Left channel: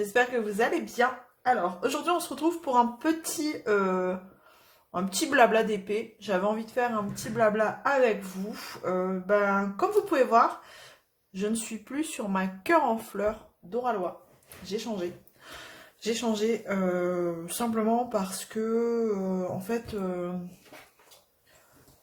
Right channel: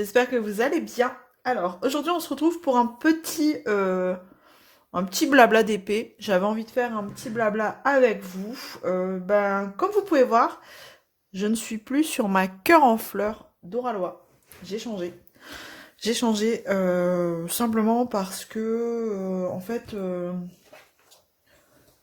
j'espère que vous allez bien. Alors, aujourd'hui, on se retrouve pour un petit blabla d'épée. J'avais envie de faire un petit blabla avec vous. Comme vous pouvez voir, je ne suis plus sur ma cœur en fleurs d'Oralois. J'ai changé. J'ai changé simplement parce que,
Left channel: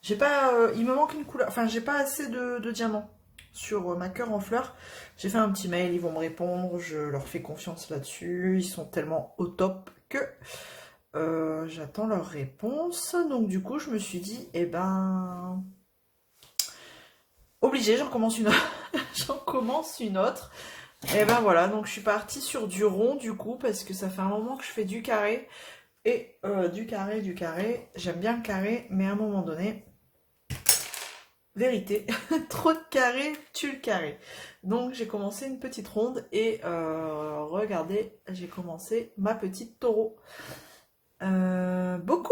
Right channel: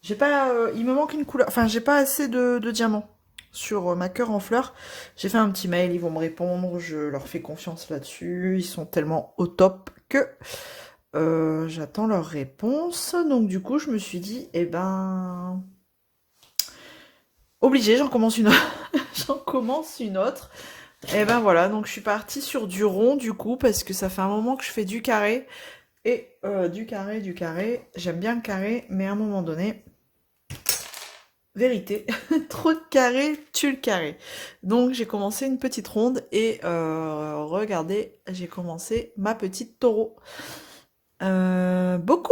j'ai pas, il me manque une couleur. Enfin, j'ai pas assez de diamants sur ma cœur en fleurs. J'ai fait un petit mail, ils vont me répondre. Je leur fais confiance là-dessus. Ils sont tellement au top que j'attends leur réponse. Donc du coup, je me suis dit, eh ben, obligé, j'en commence une autre. J'en commence une autre. Et ben voilà, donc je suis partie sur du rond du coup parce que ça fait un moment que je fais du carré. Et du carré. J'aime bien le carré, mais à un moment donné. Vérité, trop de carré tue le carré. Donc j'ai commencé une petite ronde et regardez, j'ai commencé ma petite taureau. Beaucoup,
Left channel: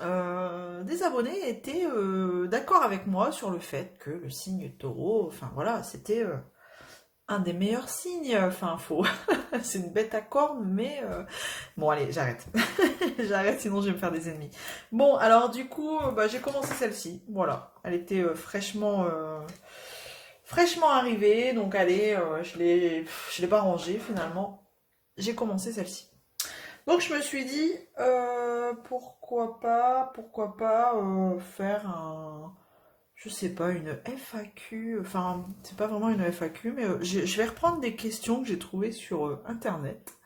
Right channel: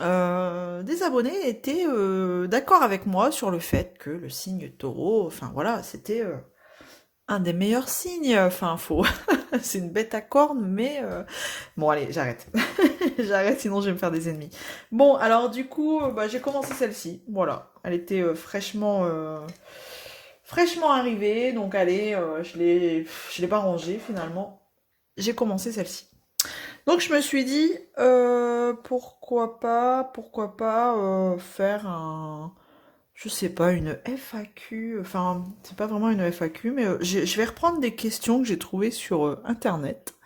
des abonnés étaient d'accord avec moi sur le fait que le signe taureau, enfin voilà, c'était un des meilleurs signes. Enfin, faux. C'est une bête à cornes, mais bon, allez, j'arrête. J'arrête, sinon je vais me faire des ennemis. Bon, alors du coup, j'ai commencé celle-ci. Voilà. Elle était fraîchement arrivée. Donc, allez, je l'ai pas rangée finalement. J'ai commencé celle-ci. Donc, je me suis dit, pourquoi pas faire je sais pas, une FAQ. Enfin, c'est pas vraiment une FAQ, mais je vais reprendre des questions que j'ai trouvées sur Internet.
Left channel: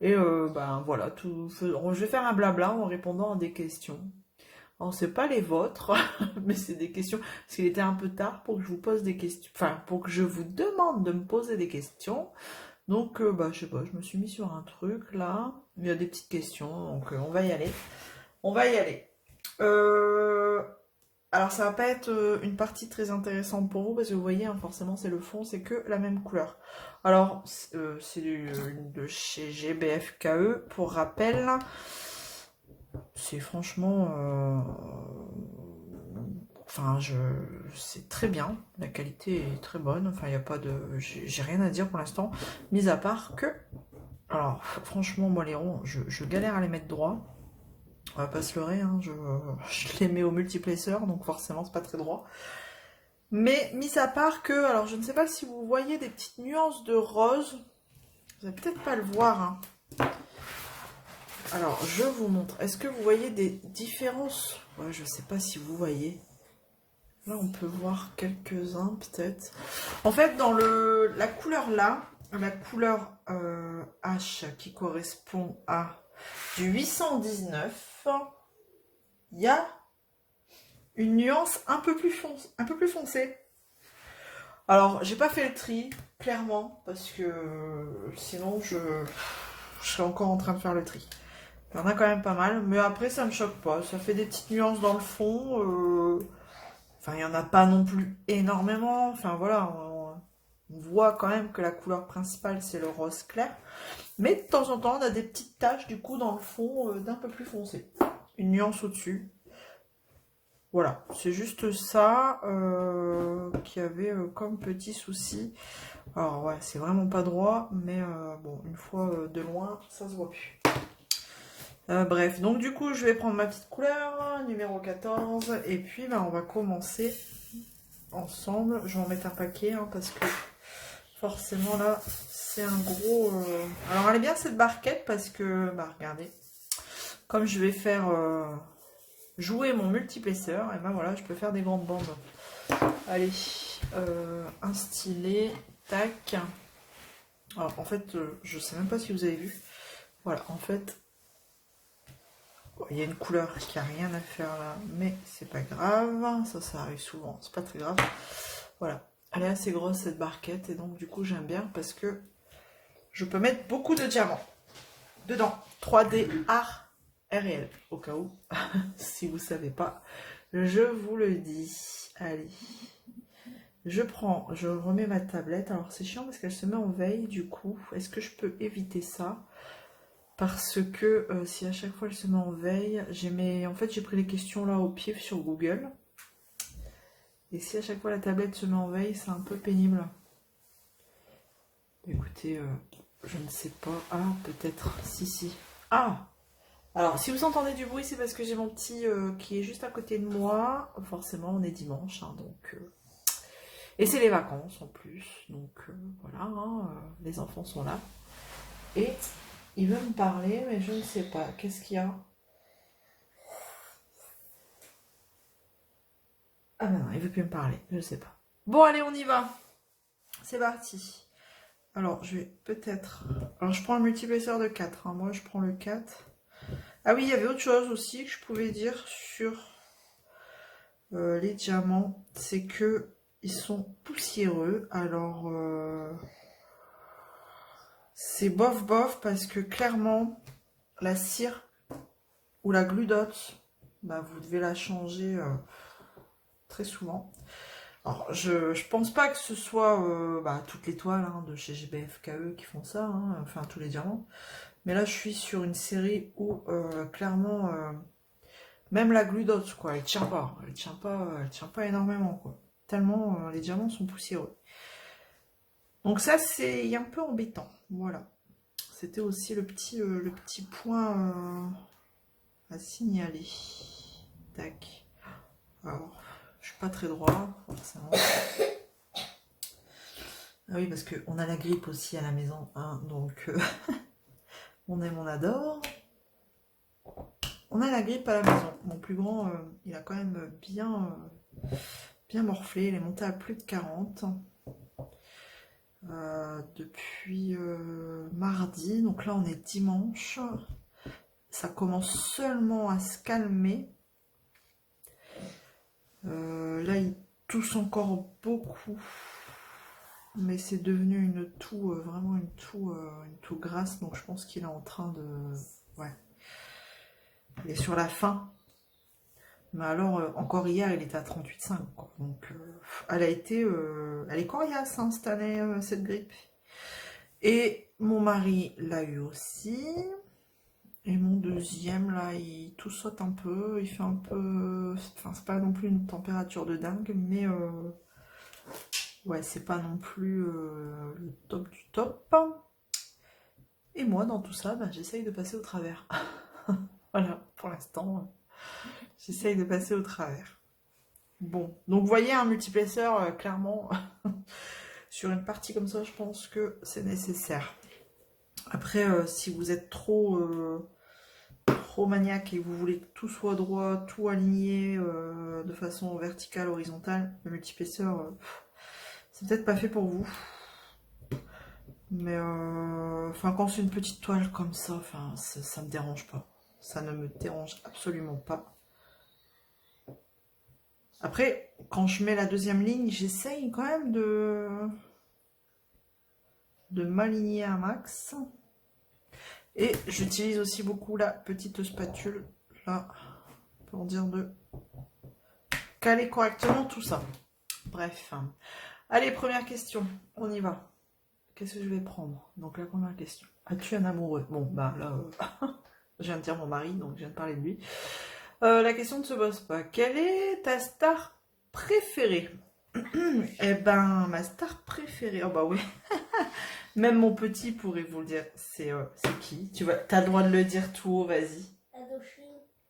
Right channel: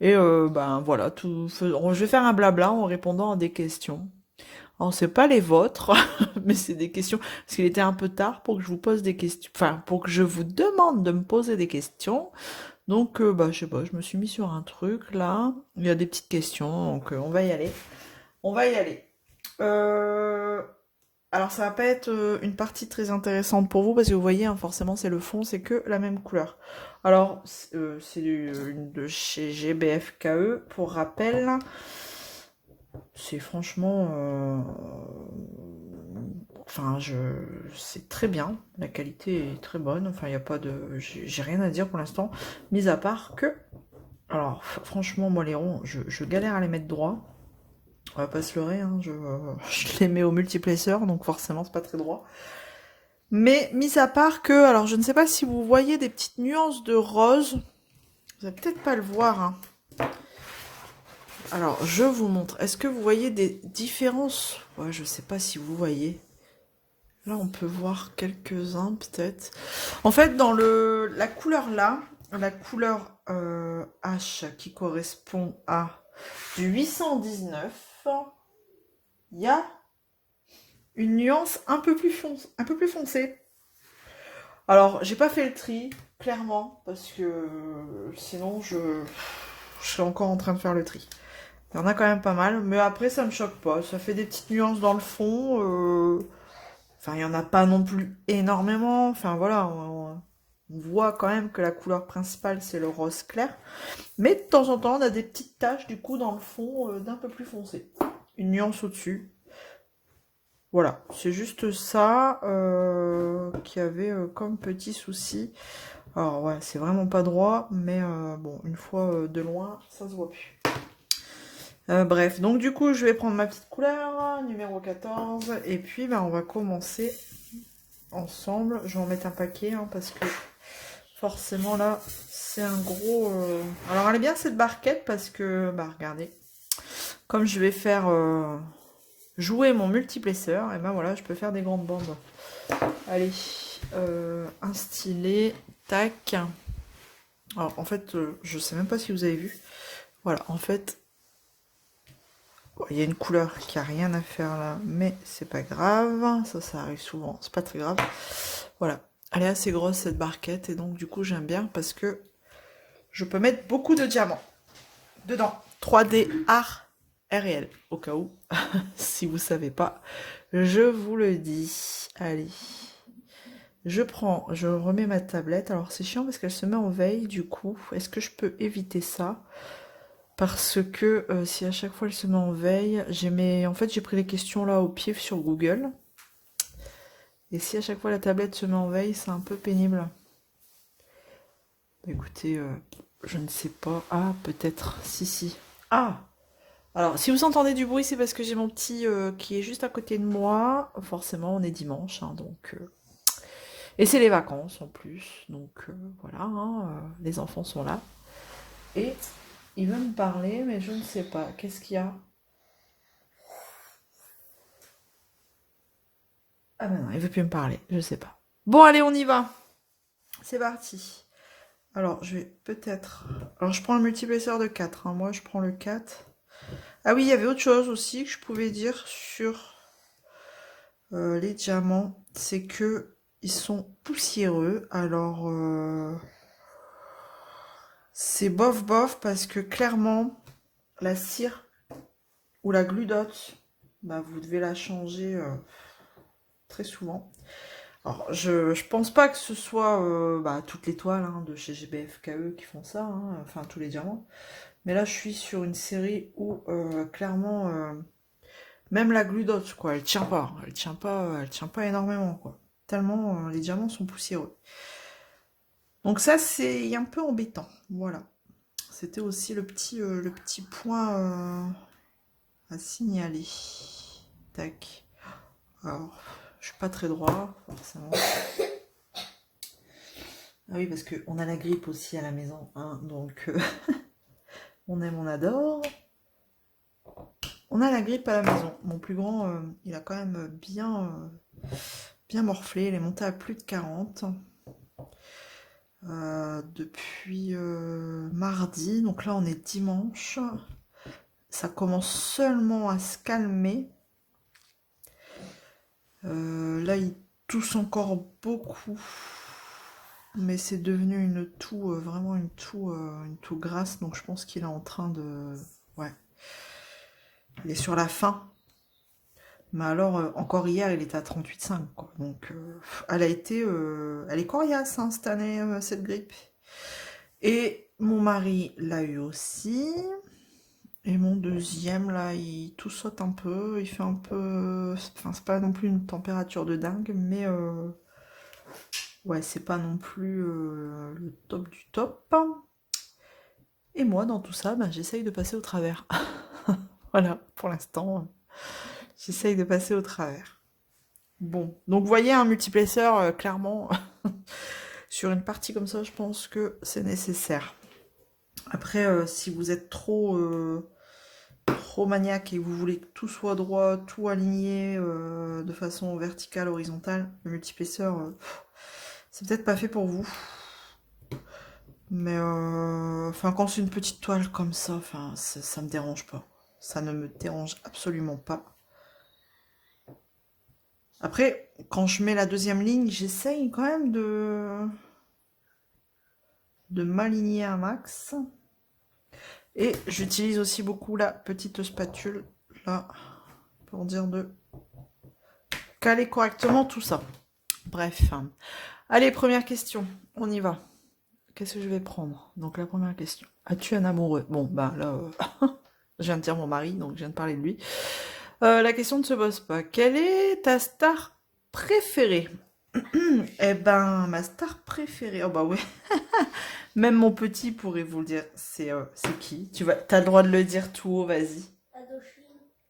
Et voilà, je vais faire un blabla en répondant à des questions. Alors, c'est pas les vôtres, mais c'est des questions. Parce qu'il était un peu tard pour que je vous pose des questions. Enfin, pour que je vous demande de me poser des questions. Donc, je sais pas, je me suis mis sur un truc là. Il y a des petites questions, donc on va y aller. On va y aller. Euh, alors, ça va pas être une partie très intéressante pour vous parce que vous voyez, hein, forcément, c'est le fond, c'est que la même couleur. Alors, c'est de chez GBFKE. Pour rappel, c'est franchement, c'est très bien. La qualité est très bonne. Enfin, il n'y a pas de, j'ai rien à dire pour l'instant, mis à part que, alors, franchement, moi les ronds, je galère à les mettre droit. On va pas se leurrer, hein, je les mets au multiplacer, donc forcément c'est pas très droit. Mais mis à part que, alors je ne sais pas si vous voyez des petites nuances de rose, vous allez peut-être pas le voir, hein. Alors je vous montre. Est-ce que vous voyez des différences? Ouais, je sais pas si vous voyez. Là on peut voir quelques-uns peut-être. En fait, dans la couleur là, la couleur H qui correspond à du 819, il y a une nuance un peu plus foncée. Alors, j'ai pas fait le tri, clairement, parce que sinon je serais encore en train de faire le tri. Il y en a quand même pas mal, mais après ça me choque pas. Ça fait des petites nuances dans le fond. Enfin, il y en a pas non plus énormément. Enfin voilà, on voit quand même que la couleur principale c'est le rose clair. Mais de temps en temps, on a des petites taches du coup dans le fond d'un peu plus foncé. Une nuance au-dessus. Voilà, c'est juste ça qui avait comme petit souci. Alors ouais, c'est vraiment pas droit, mais bon, une fois de loin, ça se voit plus. Bref, donc du coup, je vais prendre ma petite couleur, numéro 14, et puis on va commencer ensemble. Je vais en mettre un paquet, hein, parce que forcément là, c'est un gros... Alors elle est bien cette barquette, parce que, regardez, comme je vais faire jouer mon multiplesseur, et voilà, je peux faire des grandes bandes. Allez, un stylet, tac. Alors en fait, je sais même pas si vous avez vu. Voilà, en fait, il y a une couleur qui a rien à faire là, mais c'est pas grave. Ça arrive souvent, c'est pas très grave. Voilà, elle est assez grosse cette barquette et donc du coup j'aime bien parce que je peux mettre beaucoup de diamants dedans. 3D art réel, au cas où, si vous savez pas, je vous le dis. Allez. Je remets ma tablette. Alors c'est chiant parce qu'elle se met en veille du coup. Est-ce que je peux éviter ça? Parce que si à chaque fois elle se met en veille, en fait j'ai pris les questions là au pif sur Google. Et si à chaque fois la tablette se met en veille, c'est un peu pénible. Écoutez, Je ne sais pas. Ah, peut-être. Si, si. Ah! Alors, si vous entendez du bruit, c'est parce que j'ai mon petit qui est juste à côté de moi. Forcément, on est dimanche, hein, donc... Et c'est les vacances en plus, donc voilà, hein, les enfants sont là. Et il veut me parler, mais je ne sais pas. Qu'est-ce qu'il y a? Ah ben non, il veut plus me parler, je sais pas. Bon, allez, on y va. C'est parti. Alors, je vais peut-être... Alors, je prends un multiplesseur de 4, hein. Moi, je prends le 4. Ah oui, il y avait autre chose aussi que je pouvais dire sur les diamants. C'est que ils sont poussiéreux. Alors, c'est bof bof parce que clairement, la cire ou la glue dot, bah, vous devez la changer très souvent. Alors, je pense pas que ce soit bah, toutes les toiles hein, de chez GBFKE qui font ça, hein, enfin tous les diamants. Mais là, je suis sur une série où clairement, même la glue dot, quoi, elle tient pas. Elle tient pas énormément, quoi. Tellement les diamants sont poussiéreux. Donc ça, c'est un peu embêtant. Voilà. C'était aussi le petit point à signaler. Tac. Alors, je suis pas très droit, forcément. Ah oui, parce qu'on a la grippe aussi à la maison, hein, donc on aime, on adore. On a la grippe à la maison. Mon plus grand, il a quand même bien morflé. Il est monté à plus de 40 depuis mardi. Donc là, on est dimanche. Ça commence seulement à se calmer. Là, il tousse encore beaucoup. Mais c'est devenu une toux, vraiment une toux grasse. Donc je pense qu'il est en train de... Ouais. Il est sur la fin. Mais alors, encore hier, il était à 38,5, quoi. Donc, elle a été... elle est coriace, hein, cette année, cette grippe. Et mon mari l'a eu aussi. Et mon deuxième, là, il tout saute un peu. Il fait un peu... Enfin, c'est pas non plus une température de dingue, mais... ouais, c'est pas non plus le top du top. Et moi, dans tout ça, ben, j'essaye de passer au travers. Voilà, pour l'instant, j'essaye de passer au travers. Bon, donc vous voyez un multiplesseur, clairement, sur une partie comme ça, je pense que c'est nécessaire. Après, si vous êtes trop maniaque et que vous voulez que tout soit droit, tout aligné de façon verticale, horizontale, le multiplesseur, c'est peut-être pas fait pour vous. Mais enfin, quand c'est une petite toile comme ça, enfin, ça me dérange pas. Ça ne me dérange absolument pas. Après, quand je mets la deuxième ligne, j'essaye quand même de m'aligner un max. Et j'utilise aussi beaucoup la petite spatule, là, pour dire de caler correctement tout ça. Bref. Allez, première question, on y va. Qu'est-ce que je vais prendre? Donc la première question. As-tu un amoureux? Bon, bah là, je viens de dire mon mari, donc je viens de parler de lui. La question ne se pose pas. Quelle est ta star préférée? Eh ben, ma star préférée. Oh bah oui. Même mon petit pourrait vous le dire. C'est qui? T'as le droit de le dire tout haut, vas-y.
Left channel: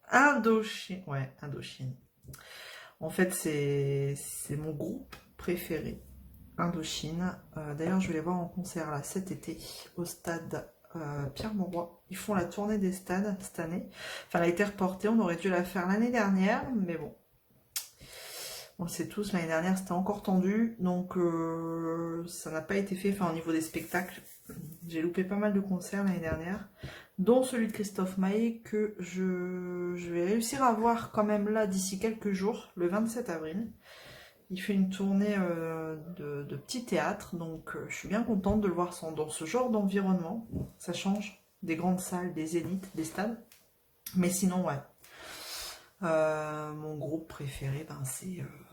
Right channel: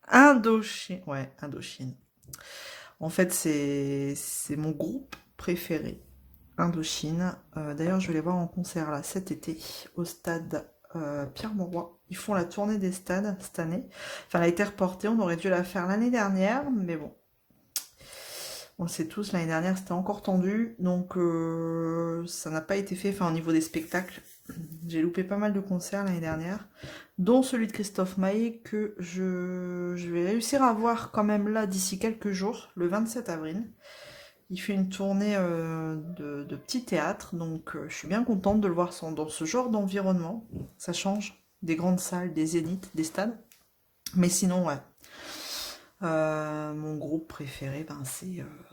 Indochine. Ouais, Indochine. En fait, c'est mon groupe préféré. Indochine. D'ailleurs, je vais les voir en concert là cet été au stade Pierre-Mauroy. Ils font la tournée des stades cette année. Enfin, elle a été reportée. On aurait dû la faire l'année dernière, mais bon. On le sait tous, l'année dernière c'était encore tendu, donc ça n'a pas été fait. Enfin, au niveau des spectacles, j'ai loupé pas mal de concerts l'année dernière, dont celui de Christophe Maé que je vais réussir à voir quand même là d'ici quelques jours, le 27 avril. Il fait une tournée de petits théâtres, donc je suis bien contente de le voir dans ce genre d'environnement. Ça change des grandes salles, des zéniths, des stades. Mais sinon, ouais. Mon groupe préféré, ben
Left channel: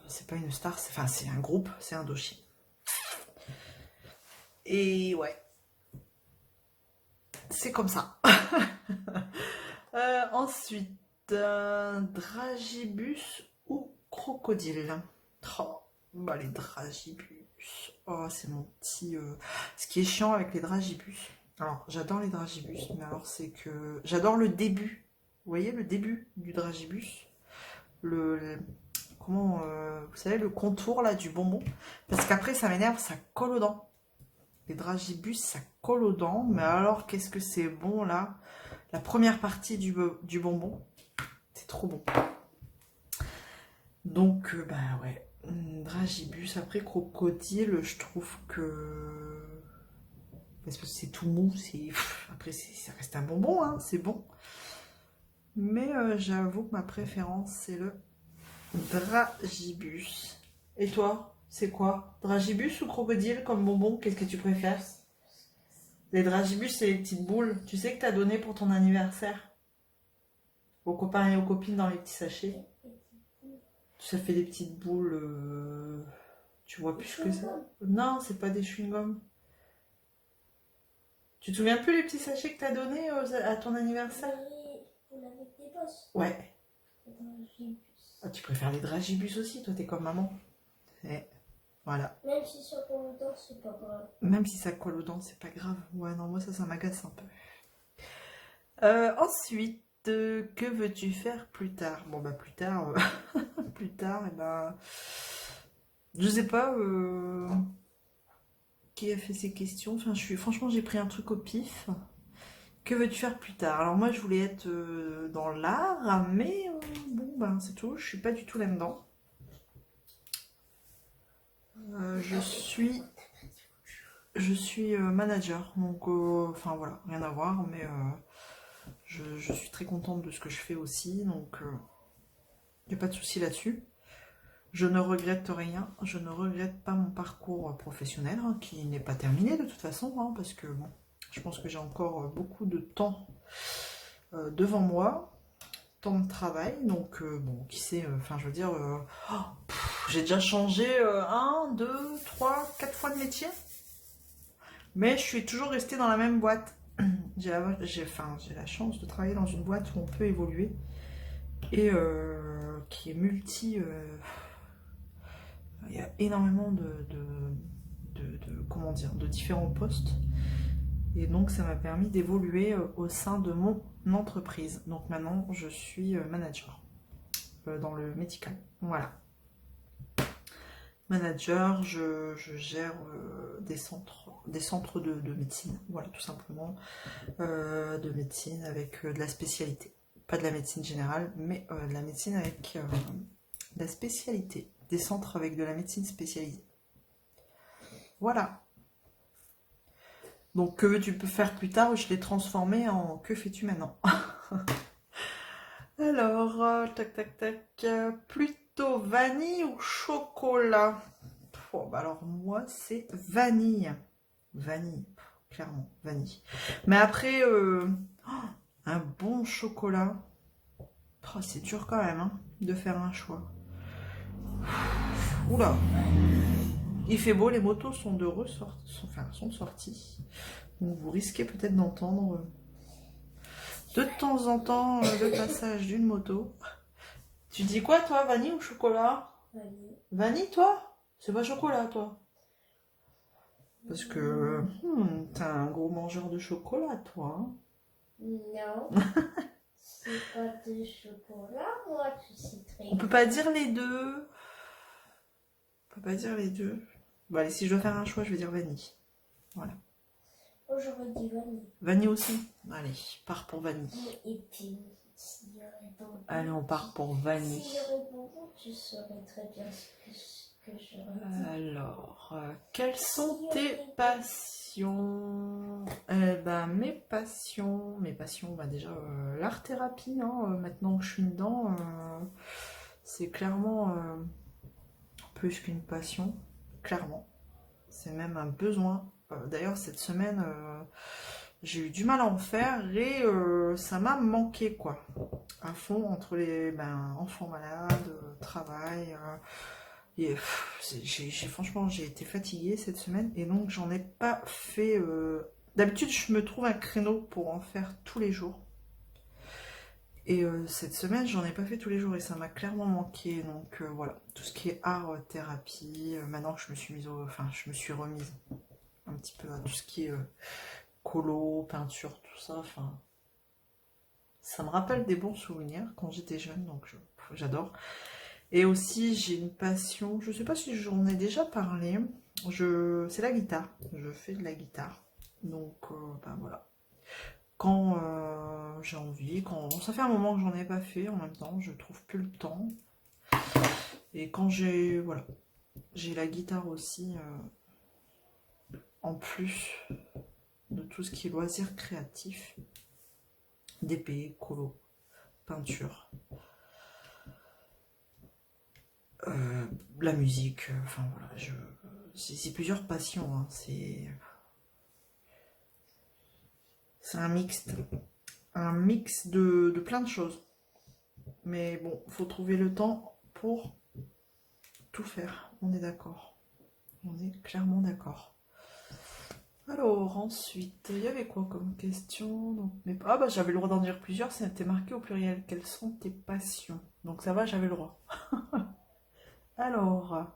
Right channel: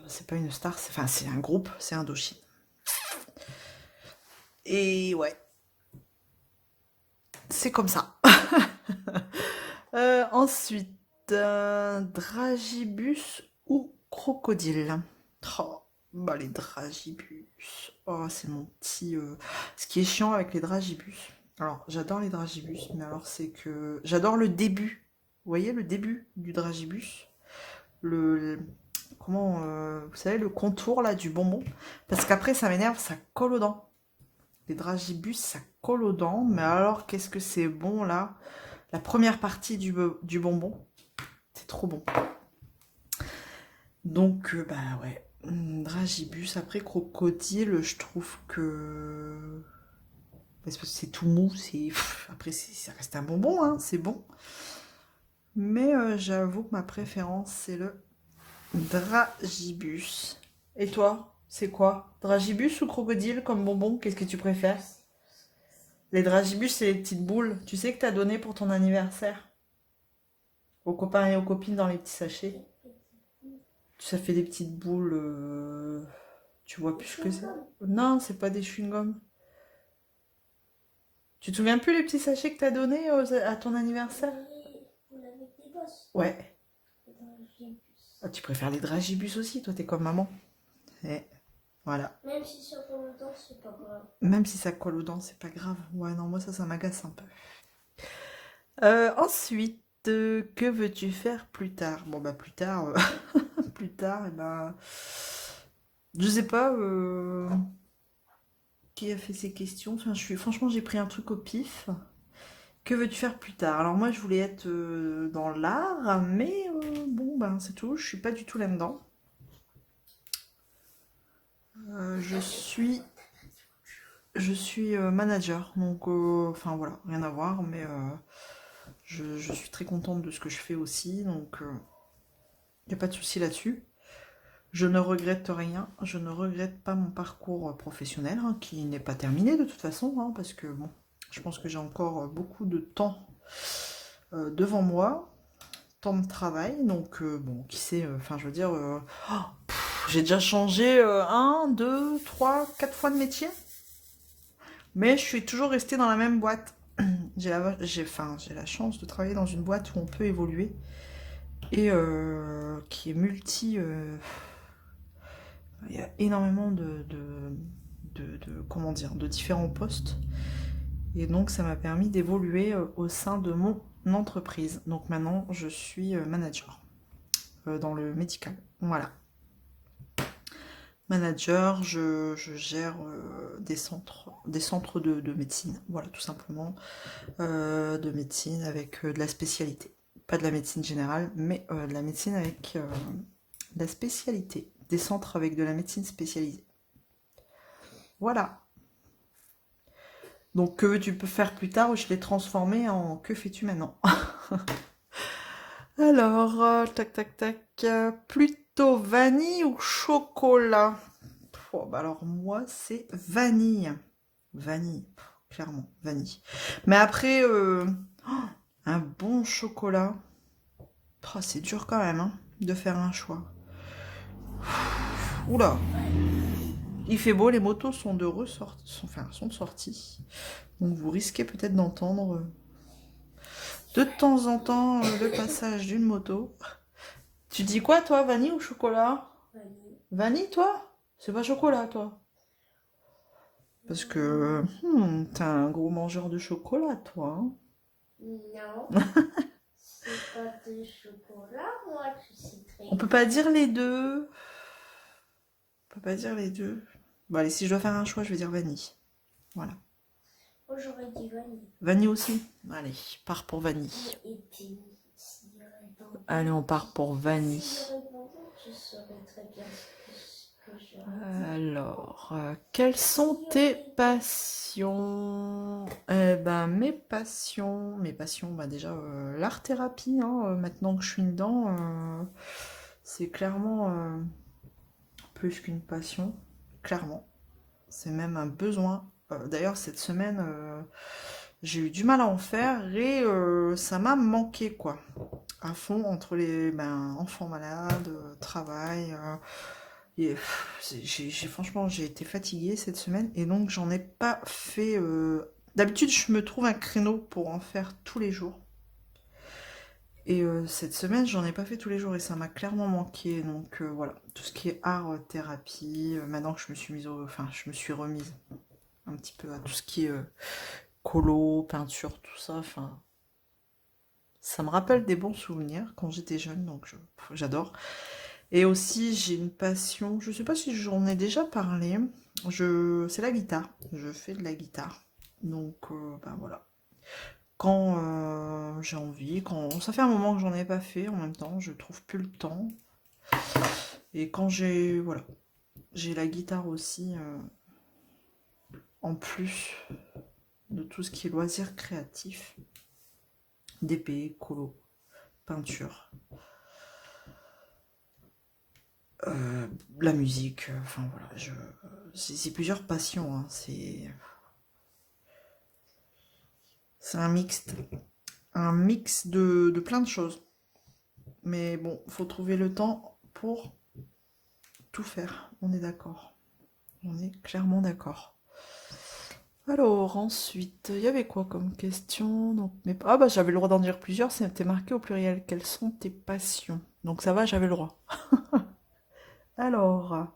c'est pas une star, enfin c'est un groupe, c'est Indochine. Et ouais, c'est comme ça. Ensuite, dragibus ou crocodile? Oh, bah les dragibus. Oh, c'est mon petit. Ce qui est chiant avec les dragibus, Alors, j'adore les dragibus, mais alors c'est que... J'adore le début. Vous voyez le début du dragibus? Comment... vous savez, le contour là du bonbon? Parce qu'après, ça m'énerve, ça colle aux dents. Les dragibus, ça colle aux dents, mais alors qu'est-ce que c'est bon là? La première partie du bonbon, c'est trop bon. Donc, bah ouais. Dragibus, après crocodile, je trouve que... Parce que c'est tout mou, c'est... Après, ça reste un bonbon, hein, c'est bon. Mais j'avoue que ma préférence, c'est le dragibus. Et toi, c'est quoi? Dragibus ou crocodile comme bonbon? Qu'est-ce que tu préfères? Les dragibus, c'est les petites boules. Tu sais que t'as donné pour ton anniversaire aux copains et aux copines dans les petits sachets. Ça fait des petites boules. Tu vois plus ce que c'est. Non, c'est pas des chewing-gums. Tu te souviens plus les petits sachets que t'as donnés à ton anniversaire? Avec des bosses. Ouais. Les dragibus. Ah, tu préfères les dragibus aussi, toi t'es comme maman. Voilà. Même si ça colle aux dents, c'est pas grave. Même si ça colle aux dents, c'est pas grave. Ouais, non, moi ça m'agace un peu. Ensuite, que veux-tu faire plus tard? Bon, bah plus tard, plus tard, et ben, je sais pas qui a fait ces questions. Enfin, franchement, j'ai pris un truc au pif. Que veux-tu faire plus tard? Alors moi, je voulais être dans l'art, mais bon, ben c'est tout. Je suis pas du tout là-dedans. Je suis manager, donc enfin voilà, rien à voir, mais je suis très contente de ce que je fais aussi, donc il n'y a pas de souci là-dessus. Je ne regrette rien, je ne regrette pas mon parcours professionnel, hein, qui n'est pas terminé de toute façon, hein, parce que bon, je pense que j'ai encore beaucoup de temps devant moi, temps de travail, donc bon, qui sait, enfin je veux dire, j'ai déjà changé 1, 2, 3, 4 fois de métier, mais je suis toujours restée dans la même boîte. J'ai la chance de travailler dans une boîte où on peut évoluer et qui est multi. Il y a énormément comment dire, de différents postes. Et donc, ça m'a permis d'évoluer au sein de mon entreprise. Donc maintenant, je suis manager dans le médical. Voilà. Manager, je gère des centres de médecine. Voilà, tout simplement. De médecine avec de la spécialité. Pas de la médecine générale, mais de la médecine avec de la spécialité. Des centres avec de la médecine spécialisée. Voilà. Donc, que veux-tu faire plus tard? Je l'ai transformé en que fais-tu maintenant? Alors, tac, tac, tac. Plutôt vanille ou chocolat? Oh, bah alors, moi, c'est vanille. Vanille, clairement, vanille. Mais après, un bon chocolat. Oh, c'est dur quand même, hein, de faire un choix. Oula, il fait beau, les motos sont sont sorties. Donc vous risquez peut-être d'entendre de temps en temps le passage d'une moto. Tu dis quoi toi, vanille ou chocolat? Vanille. Vanille toi? C'est pas chocolat toi? Parce que t'es un gros mangeur de chocolat toi, hein. Non. C'est pas de chocolat, moi, tu sais très bien. On peut pas dire les deux. On peut pas dire les deux. Bon allez, si je dois faire un choix, je vais dire vanille. Voilà. Moi, j'aurais dit vanille. Vanille aussi? Allez, part pour vanille. Et puis, s'il y aurait bonbon, Allez, on part pour vanille. s'il y aurait bonbon, tu saurais très bien ce que j'aurais dit. Alors, quelles sont tes passions? Eh ben, mes passions, bah déjà, l'art-thérapie, hein, maintenant que je suis dedans, c'est clairement plus qu'une passion, clairement. C'est même un besoin. D'ailleurs, cette semaine, j'ai eu du mal à en faire et ça m'a manqué, quoi. À fond, entre les enfants malades, travail. Et, franchement, j'ai été fatiguée cette semaine et donc j'en ai pas fait. D'habitude, je me trouve un créneau pour en faire tous les jours. Et cette semaine, j'en ai pas fait tous les jours et ça m'a clairement manqué. Donc voilà, tout ce qui est art thérapie. Maintenant que je me suis remise un petit peu à tout ce qui est colo, peinture, tout ça. Enfin, ça me rappelle des bons souvenirs quand j'étais jeune, donc j'adore. Et aussi, j'ai une passion, je sais pas si j'en ai déjà parlé, c'est la guitare. Je fais de la guitare. Donc, ben voilà. Quand j'ai envie, quand ça fait un moment que j'en ai pas fait, en même temps, je trouve plus le temps. Et quand voilà, j'ai la guitare aussi en plus de tout ce qui est loisirs créatifs, d'épée, colo, peinture, euh, la musique, enfin voilà, c'est plusieurs passions, hein, c'est un mix de plein de choses. Mais bon, faut trouver le temps pour tout faire, on est d'accord. On est clairement d'accord. Alors, ensuite, il y avait quoi comme question? Donc, ah bah j'avais le droit d'en dire plusieurs, c'était marqué au pluriel. Quelles sont tes passions? Donc ça va, j'avais le droit. Alors,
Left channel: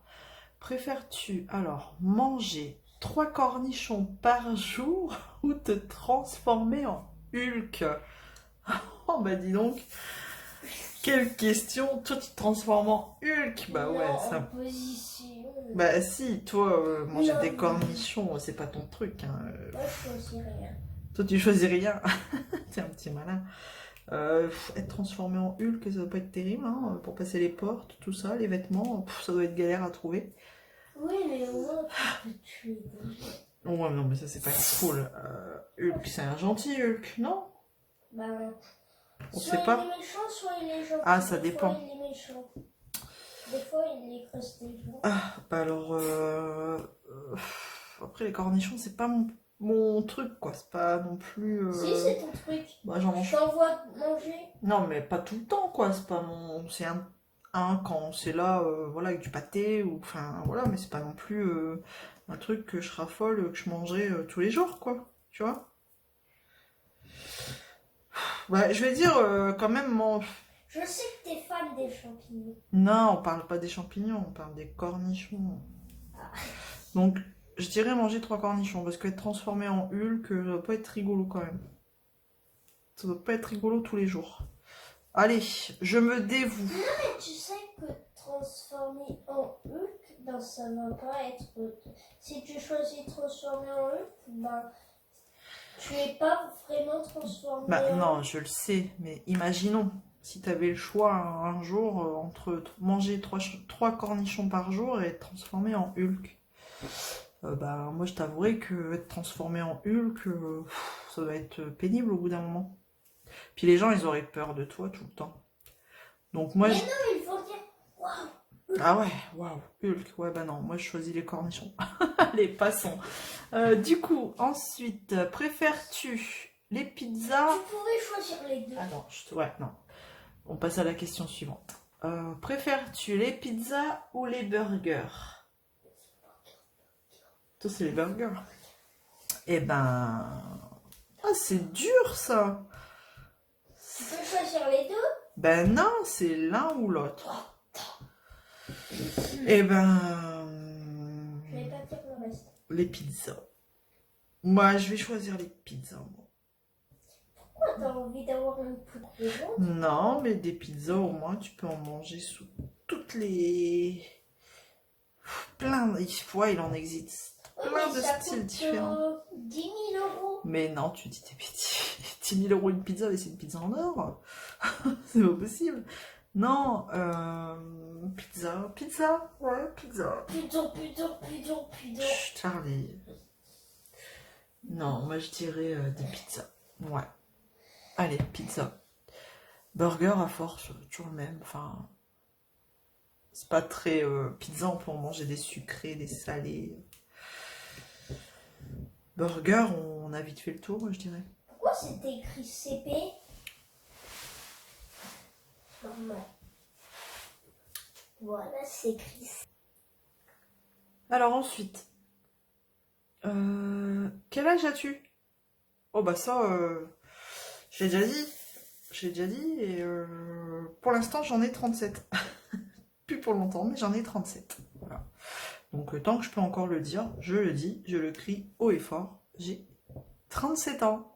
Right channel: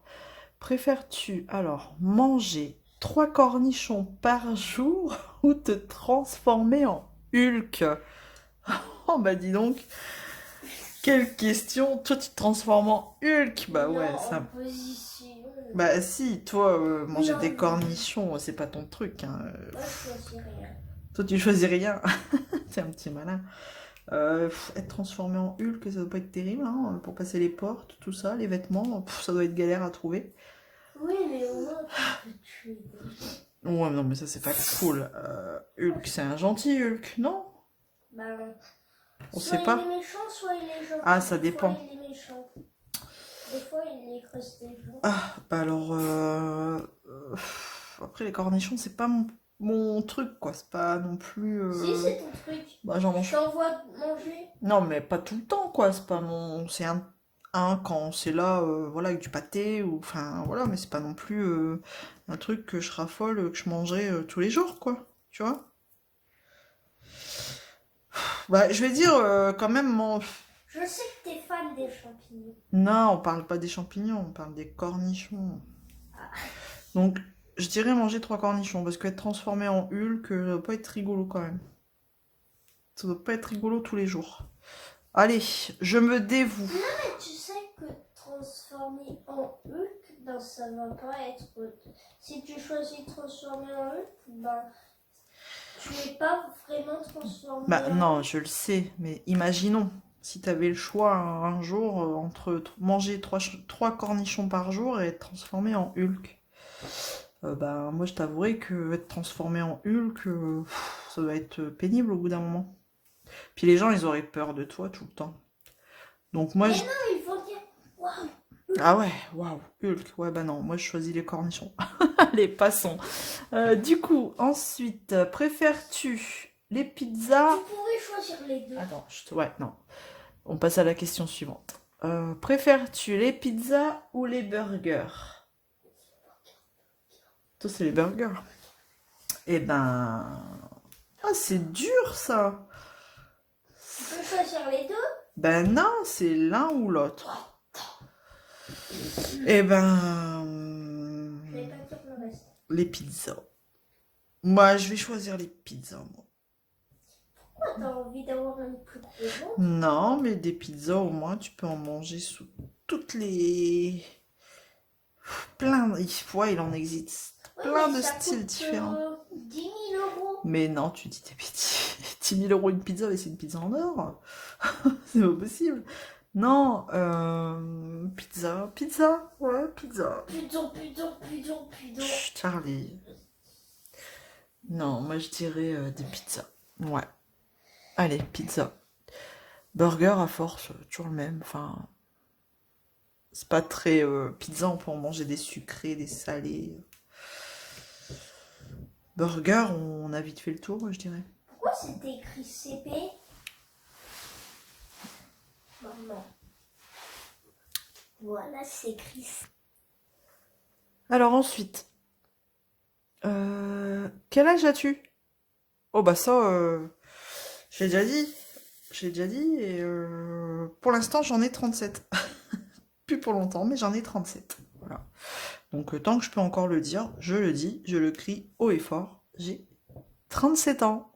préfères-tu manger 3 cornichons par jour ou te transformer en Hulk? Oh bah dis donc, quelle question! Toi tu te transformes en Hulk? Bah Non, ouais, en ça. position. Bah si, toi, manger Non, des non. cornichons, c'est pas ton truc, hein. Moi, je choisis rien. Toi tu choisis rien. T'es un petit malin. Être transformé en Hulk, ça doit pas être terrible, hein, pour passer les portes, tout ça, les vêtements, ça doit être galère à trouver. Oui, mais au moins, tu peux tuer des gens. Ouais, non, mais ça, c'est pas cool. Hulk, c'est un gentil Hulk, non? Bah non. On Soit sait il pas. est méchant, soit il est gentil. Ah, ça Des fois, dépend. il est méchant. Des fois, il écrase des gens. Ah, bah alors. Après, les cornichons, c'est pas mon truc, quoi. C'est pas non plus. Si, c'est ton truc. Bah, j'en Je mange. t'envoie manger. Non, mais pas tout le temps, quoi. C'est pas mon. C'est un quand c'est là, voilà, avec du pâté, ou. Enfin, voilà, mais c'est pas non plus un truc que je raffole, que je mangerais tous les jours, quoi. Tu vois? Bah, je vais dire quand même, Je sais que t'es fan des champignons. non, on parle pas des champignons, on parle des cornichons. Donc, je dirais manger 3 cornichons, parce qu'être transformé en Hulk, ça doit pas être rigolo quand même. Ça doit pas être rigolo tous les jours. Allez, je me dévoue. Mais tu sais que transformer en Hulk, ben ça va pas être. Si tu choisis de transformer en Hulk, ben tu es pas vraiment transformé Bah en non, Hulk. je le sais, mais imaginons, si tu avais le choix un jour entre manger 3 cornichons par jour et être transformé en Hulk. Bah moi je t'avouerais que être transformé en Hulk, ça doit être pénible au bout d'un moment. Puis les gens, ils auraient peur de toi tout le temps. Donc moi, Mais non, ils vont dire waouh! ah ouais, waouh, Hulk. Ouais, bah non, moi je choisis les cornichons. Allez, passons. Du coup, ensuite, préfères-tu les pizzas? Tu pouvais choisir les deux. Attends, ouais, non. On passe à la question suivante. Préfères-tu les pizzas ou les burgers? Toi, c'est les burgers. Eh ben... Ah, c'est dur, ça. Tu peux choisir les deux. Ben non, c'est l'un ou l'autre. Eh ben... Je vais pas dire le reste. Les pizzas. Moi, je vais choisir les pizzas, moi. Pourquoi t'as envie d'avoir une plus grosse ventre? Non, mais des pizzas, au moins, tu peux en manger sous toutes les... Plein... Ouais, il en existe Oui, plein mais de ça styles coûte différents. 10 000 euros. Mais non, tu dis t'es petit. 10 000 euros une pizza, mais c'est une pizza en or. C'est pas possible. Non, pizza, ouais, pizza. Chut, Charlie. Non, moi je dirais des pizzas. Ouais. Allez, pizza. Burger à force, toujours le même. Enfin, c'est pas très pizza, on peut en manger des sucrés, des salés. Burger, on a vite fait le tour, moi je dirais. Pourquoi c'est écrit CP? Maman. Voilà, c'est écrit. Alors ensuite, quel âge as-tu? Oh bah ça, j'ai déjà dit. J'ai déjà dit et pour l'instant j'en ai 37. Plus pour longtemps, mais j'en ai 37. Voilà. Donc tant que je peux encore le dire, je le dis, je le crie haut et fort. J'ai 37 ans.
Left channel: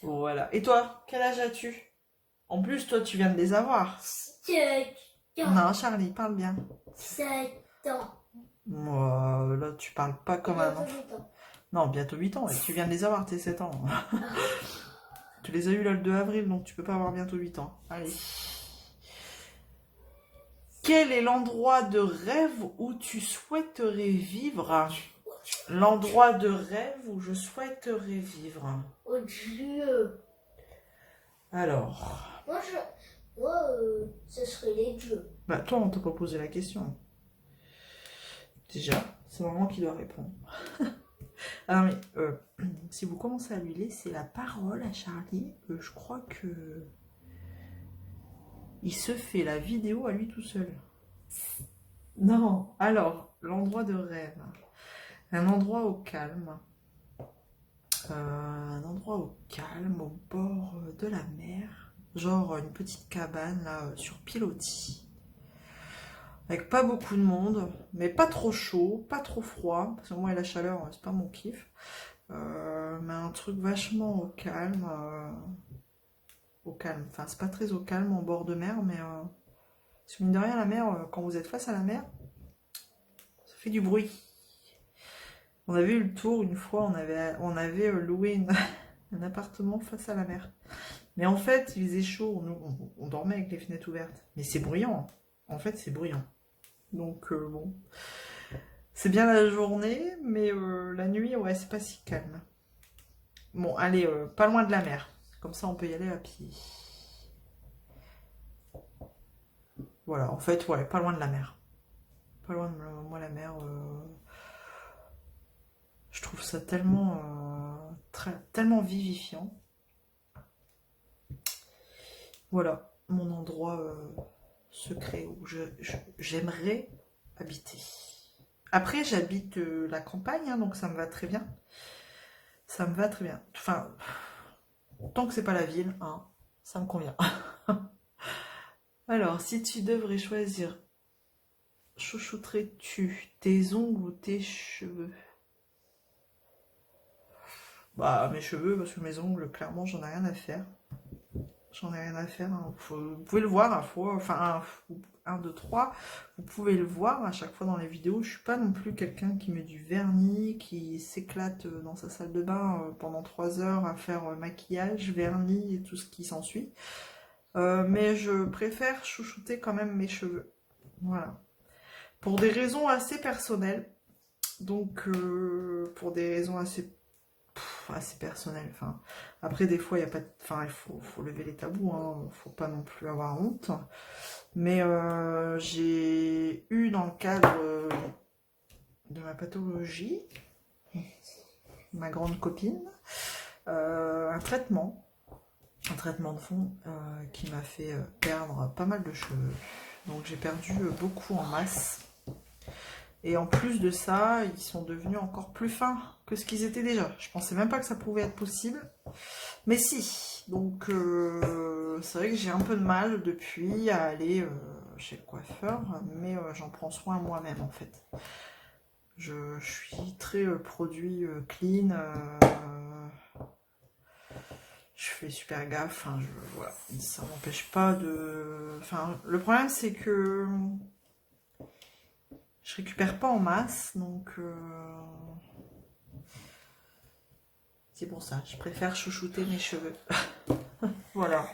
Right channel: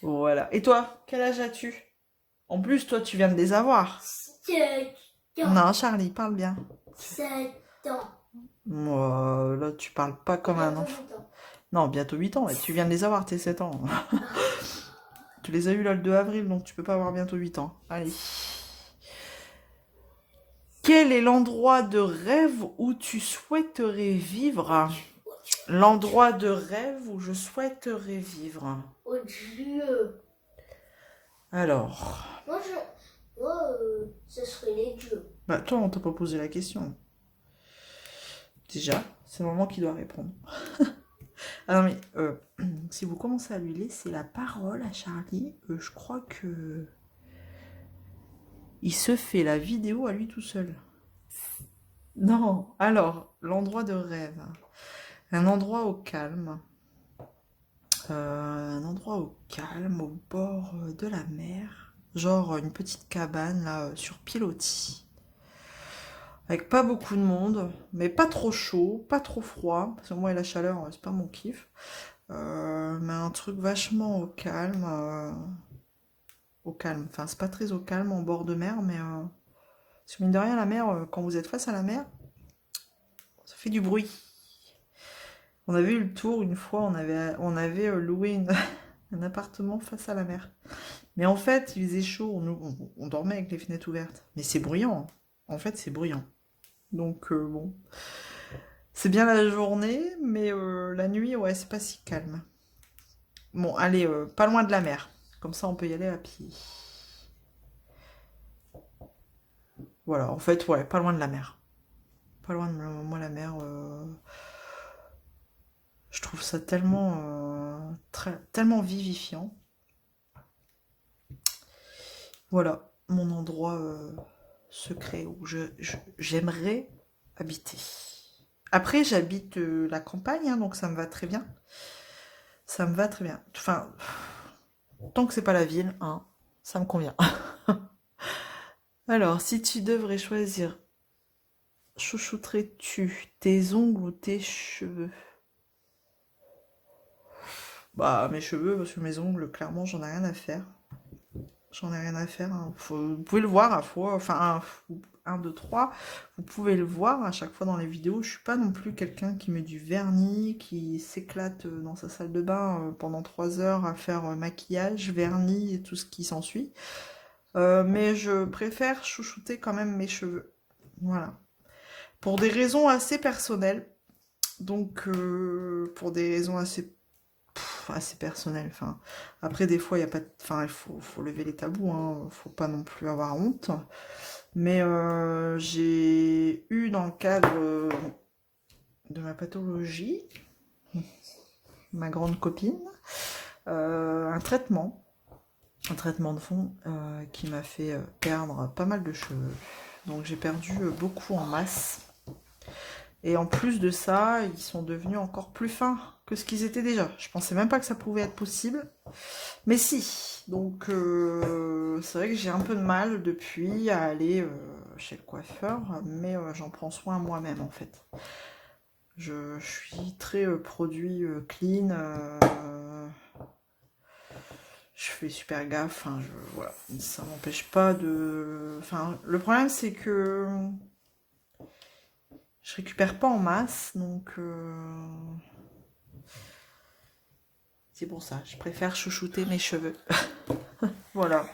Voilà. Et toi, quel âge as-tu? En plus, toi, tu viens de les avoir. 7 ans. Non, Charlie, parle bien. 7 ans. Moi, là, tu parles pas comme un Bientôt enfant. 8 ans. Non, bientôt 8 ans. Et tu viens de les avoir, tes 7 ans. Ah. Tu les as eu là le 2 avril, donc tu peux pas avoir bientôt 8 ans. Allez. Quel est l'endroit de rêve où tu souhaiterais vivre? L'endroit de rêve où je souhaiterais vivre. Oh Dieu. Alors, Moi, ce serait les dieux. bah toi, on t'a pas posé la question. Déjà, c'est maman qui doit répondre. Ah non, mais si vous commencez à lui laisser la parole à Charlie, je crois que il se fait la vidéo à lui tout seul. Non, alors, l'endroit de rêve. Un endroit au calme. Un endroit au calme, au bord de la mer. Genre une petite cabane là, sur pilotis. Avec pas beaucoup de monde, mais pas trop chaud, pas trop froid. Parce que moi et la chaleur, c'est pas mon kiff. Mais un truc vachement au calme. Au calme. Enfin, c'est pas très au calme en bord de mer, mais parce que mine de rien, la mer, quand vous êtes face à la mer, ça fait du bruit. On avait eu le tour une fois, on avait loué un appartement face à la mer. Mais en fait, il faisait chaud, on dormait avec les fenêtres ouvertes. Mais c'est bruyant. En fait, c'est bruyant. Donc, bon. C'est bien la journée, mais la nuit, ouais, c'est pas si calme. Bon, allez, pas loin de la mer. Comme ça, on peut y aller à pied. Voilà, en fait, ouais, pas loin de la mer. Pas loin de moi, la mer. Je trouve ça tellement, tellement vivifiant. Voilà, mon endroit secret où j'aimerais habiter. Après, j'habite la campagne, hein, donc ça me va très bien. Ça me va très bien. Enfin, tant que c'est pas la ville, hein, ça me convient. Alors, si tu devrais choisir, chouchouterais-tu tes ongles ou tes cheveux? Bah, mes cheveux, parce que mes ongles, clairement, j'en ai rien à faire. J'en ai rien à faire, hein. Vous pouvez le voir à fois, enfin, un, deux, trois. Vous pouvez le voir à chaque fois dans les vidéos. Je suis pas non plus quelqu'un qui met du vernis, qui s'éclate dans sa salle de bain pendant 3 heures à faire maquillage, vernis et tout ce qui s'ensuit. Mais je préfère chouchouter quand même mes cheveux. Voilà. Pour des raisons assez personnelles. Donc, pour des raisons assez personnelles. Enfin, après, des fois, il y a pas enfin, il faut lever les tabous. Hein. Faut pas non plus avoir honte. Mais j'ai eu dans le cadre de ma pathologie, ma grande copine, un traitement de fond qui m'a fait perdre pas mal de cheveux. Donc j'ai perdu beaucoup en masse. Et en plus de ça, ils sont devenus encore plus fins que ce qu'ils étaient déjà. Je pensais même pas que ça pouvait être possible. Mais si. Donc c'est vrai que j'ai un peu de mal depuis à aller chez le coiffeur, mais j'en prends soin moi-même en fait. Je suis très produit clean. Je fais super gaffe. Enfin, voilà. Ça m'empêche pas de. Enfin, le problème c'est que je récupère pas en masse, donc c'est pour ça. Je préfère chouchouter mes cheveux. Voilà.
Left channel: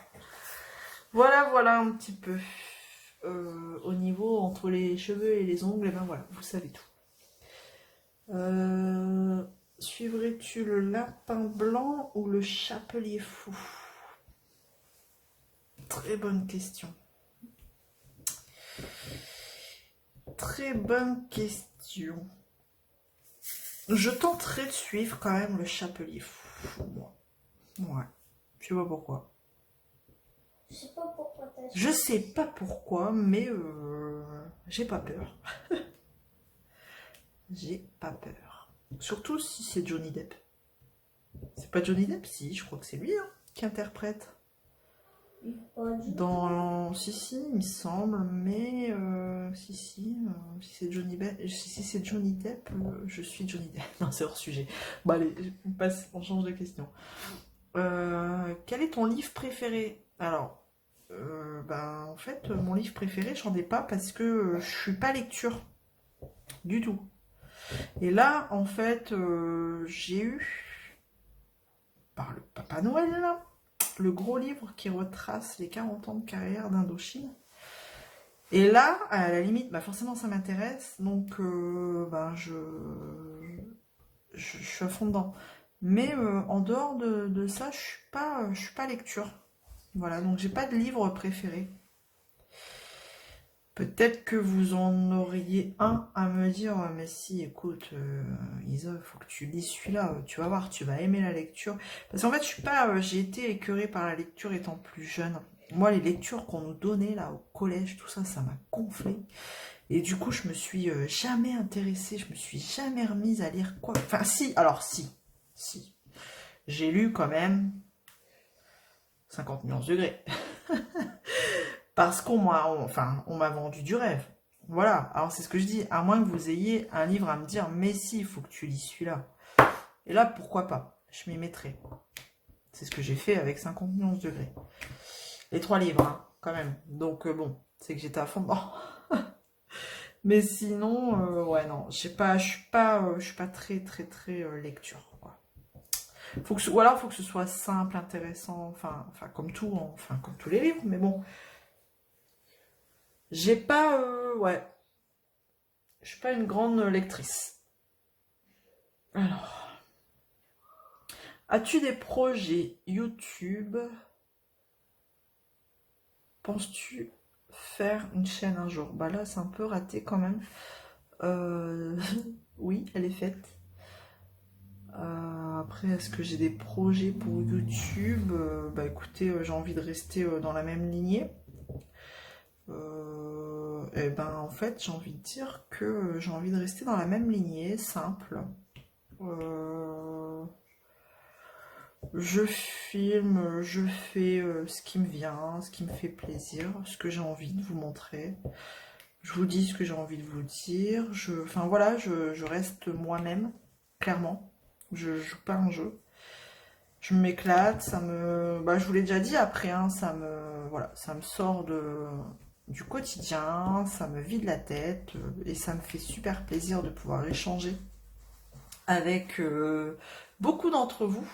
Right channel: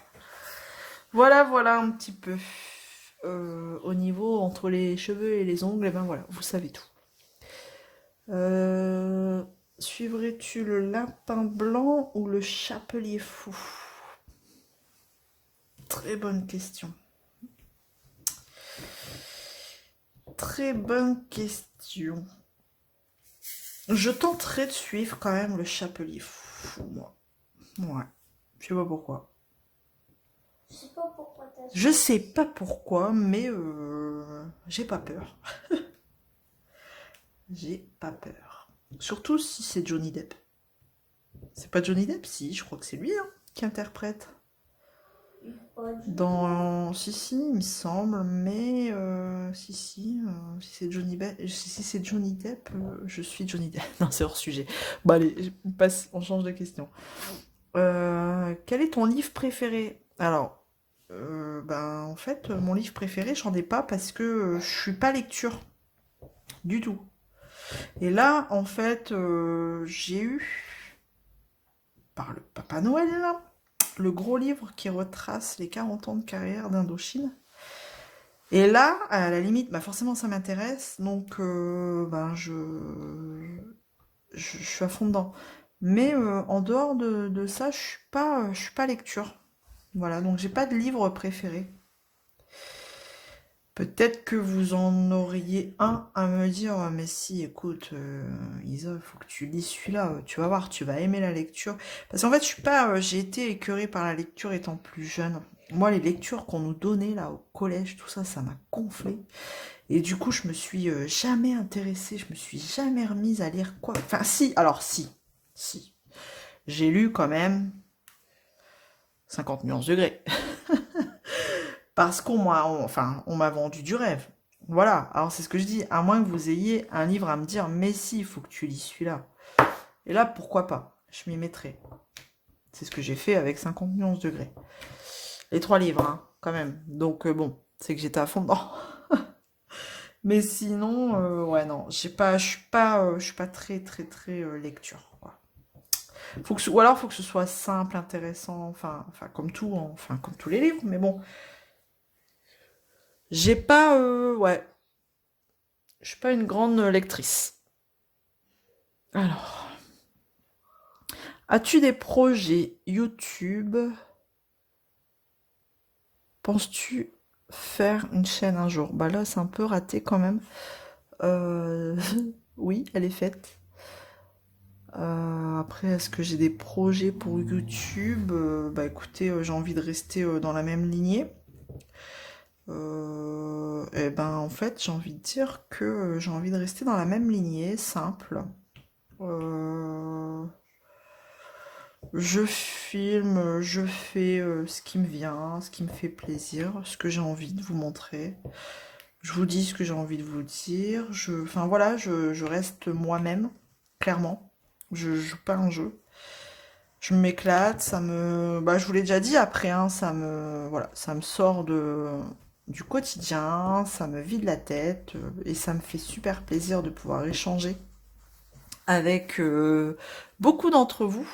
Voilà un petit peu. Au niveau entre les cheveux et les ongles, et ben voilà, vous savez tout. Suivrais-tu le lapin blanc ou le chapelier fou? Très bonne question. Très bonne question. Je tenterai de suivre quand même le chapelier fou, moi. Ouais. Je sais pas pourquoi. Je sais pas pourquoi t'as Je sais pas pourquoi, mais j'ai pas peur. J'ai pas peur. Surtout si c'est Johnny Depp. C'est pas Johnny Depp? Si, je crois que c'est lui hein, qui interprète. Pas du tout. Si, il me semble, mais si c'est si c'est Johnny Depp, je suis Johnny Depp. Non, c'est hors sujet. Bon, allez, on change de question. Quel est ton livre préféré? Alors, ben, en fait, mon livre préféré, j'en ai pas parce que je suis pas lecture du tout. Et là, en fait, j'ai eu, par le Papa Noël, là, le gros livre qui retrace les 40 ans de carrière d'Indochine. Et là, à la limite, bah forcément ça m'intéresse, donc ben je suis à fond dedans. Mais en dehors de ça, je suis pas lecture. Voilà, donc j'ai pas de livre préféré. Peut-être que vous en auriez un à me dire, ah, mais si, écoute, Isa, faut que tu lis celui-là, tu vas voir, tu vas aimer la lecture. Parce qu'en fait, je suis pas, j'ai été écœurée par la lecture étant plus jeune. Moi, les lectures qu'on nous donnait là au collège, tout ça, ça m'a gonflé. Et du coup, je me suis jamais intéressée, je me suis jamais remise à lire quoi. Enfin, si, alors si. J'ai lu quand même 50 nuances degrés. Parce on m'a vendu du rêve. Voilà, alors c'est ce que je dis, à moins que vous ayez un livre à me dire, mais si, il faut que tu lis celui-là. Et là, pourquoi pas? Je m'y mettrai. C'est ce que j'ai fait avec 50 nuances degrés. Les 3 livres, hein, quand même. Donc bon, c'est que j'étais à fond dedans. Mais sinon, ouais, non, je suis pas très, très, très lecture. Voilà. Ou alors, faut que ce soit simple, intéressant, enfin, comme tout, hein, enfin, comme tous les livres, mais bon. J'ai pas, ouais, je suis pas une grande lectrice. Alors, as-tu des projets YouTube? Penses-tu faire une chaîne un jour? Bah là, c'est un peu raté quand même. Euh, Oui, elle est faite. Après, est-ce que j'ai des projets pour YouTube? Bah écoutez, j'ai envie de rester dans la même lignée. Et ben en fait, j'ai envie de dire que j'ai envie de rester dans la même lignée, simple. Euh, je filme, je fais ce qui me vient, ce qui me fait plaisir, ce que j'ai envie de vous montrer. Je vous dis ce que j'ai envie de vous dire. Enfin voilà, je reste moi-même, clairement. Je joue pas un jeu. Je m'éclate, bah, je vous l'ai déjà dit après, hein, voilà, ça me sort du quotidien, ça me vide la tête et ça me fait super plaisir de pouvoir échanger avec beaucoup d'entre vous.